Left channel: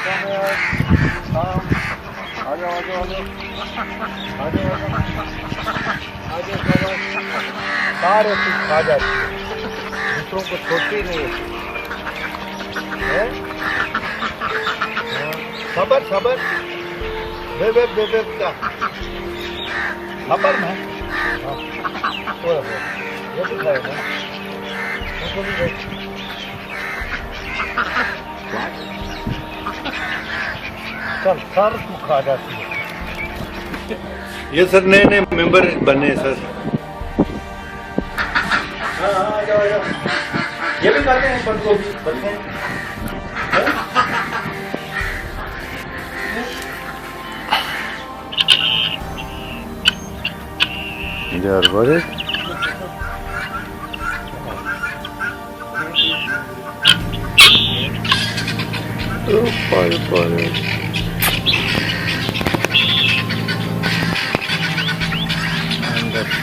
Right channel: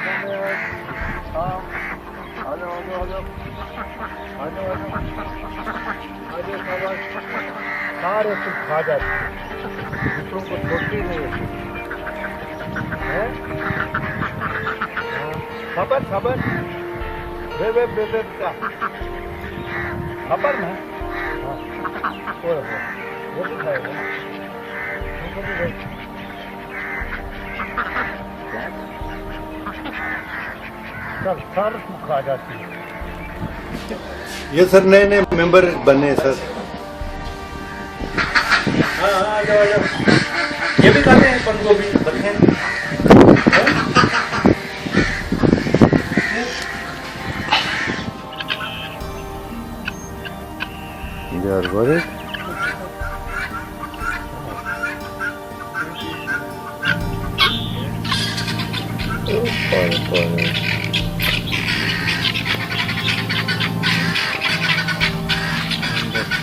आ जाओ आ जाओ आ जाओ आ जाओ आ जाओ शाबाश। सारे कुछ खा जाती है, दूसरों को छोड़ती नहीं है। हाँ, खबर खबर बे क्या खबर में। हाँ ओए ये भी खाएगा, तुमको भी दे। चल सर तू खा जाती है। ये सर नए नए मेंबर बने सर। हाँ आ जाओ आ जाओ। ये भी खाते हैं पत्त गोभी रखे हैं। यार बड़े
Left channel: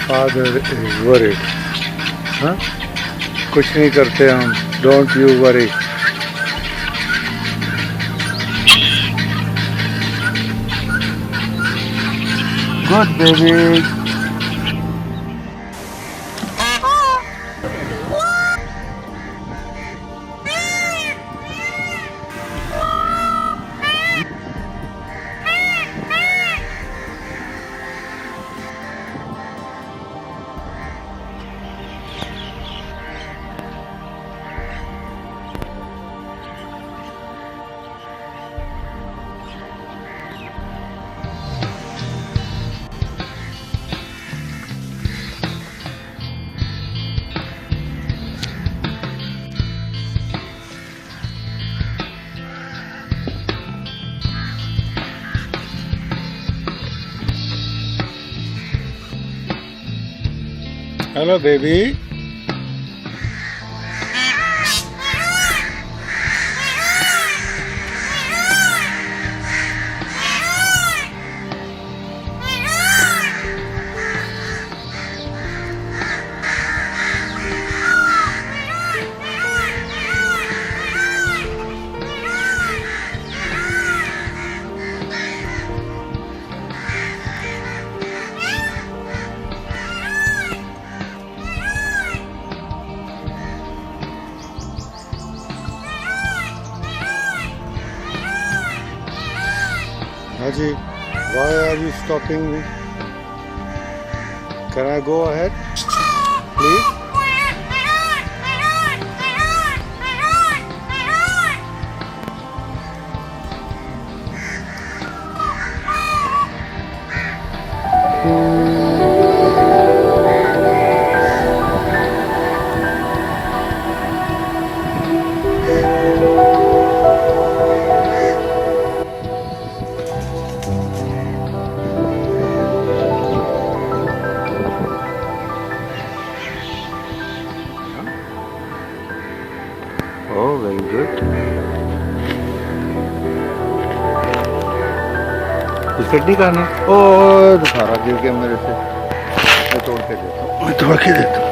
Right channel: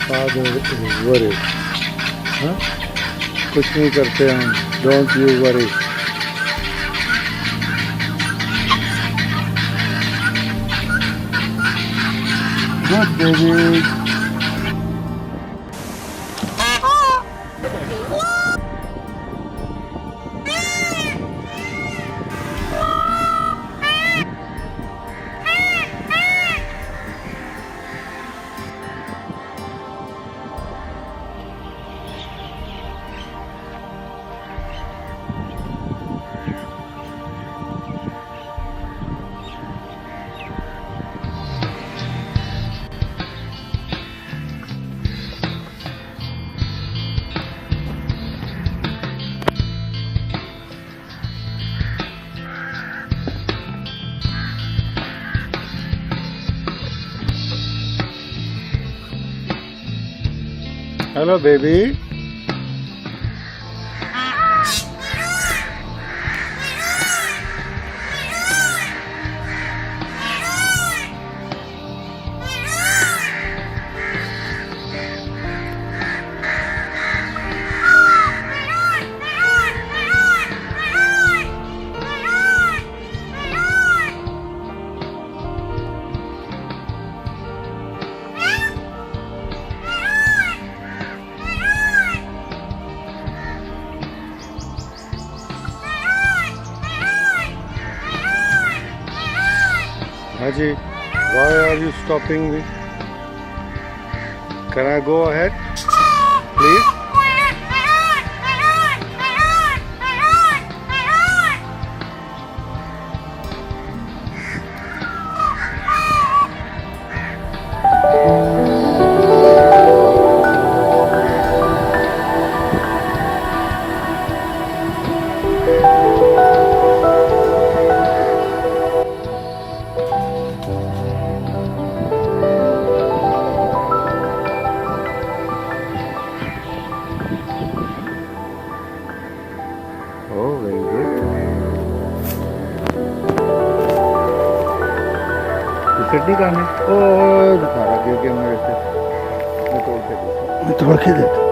फादर इज वरीड। हाँ कुछ नहीं करते हम, don't you worry. Good baby. Hello, baby. Haji, why are you stopping me? Can I go ahead, please? Oh, very good. Biscuit नहीं खाने? ओह सारा गिर गया मेरे से। मैं तोड़ के देता हूँ, मैं तोड़ के देता हूँ।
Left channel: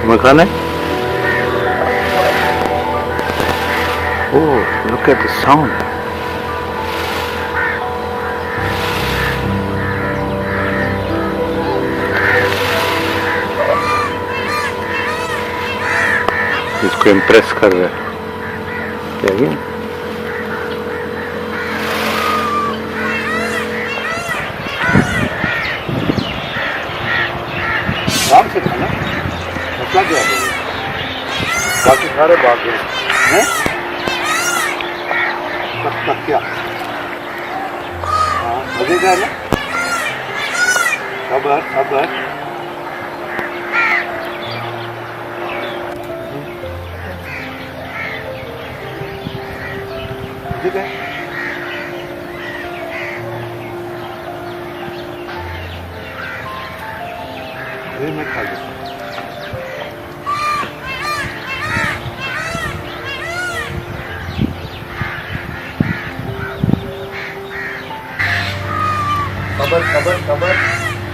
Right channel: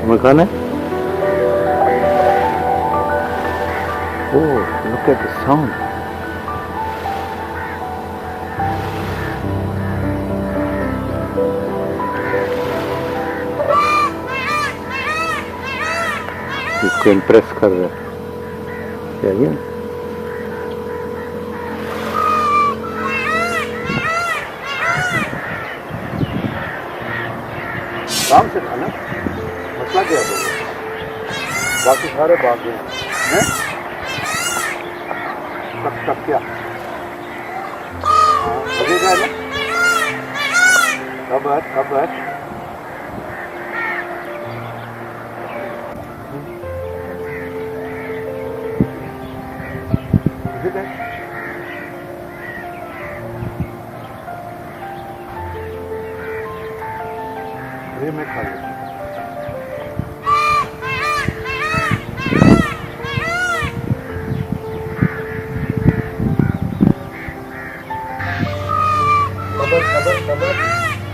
तुम्हें खाना है? Oh, look at the sound. इसको इम्प्रेस कर रहा है क्या ये? आराम से खाना, मसला क्या है? बाकी सारे भाग गए हैं। तक क्या? हाँ मजे का है ना? खबर खबर मजे का है। अरे मैं खा लूँ। खबर खबर खबर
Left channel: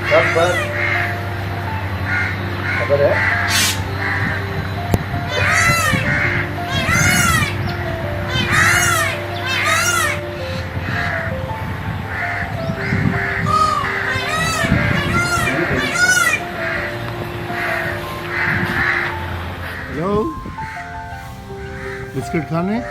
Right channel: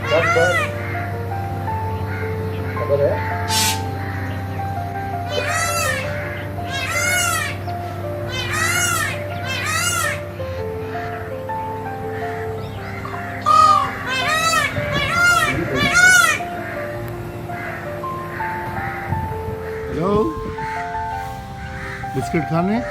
खबर खबर है। हेलो, बिस्किट खाने?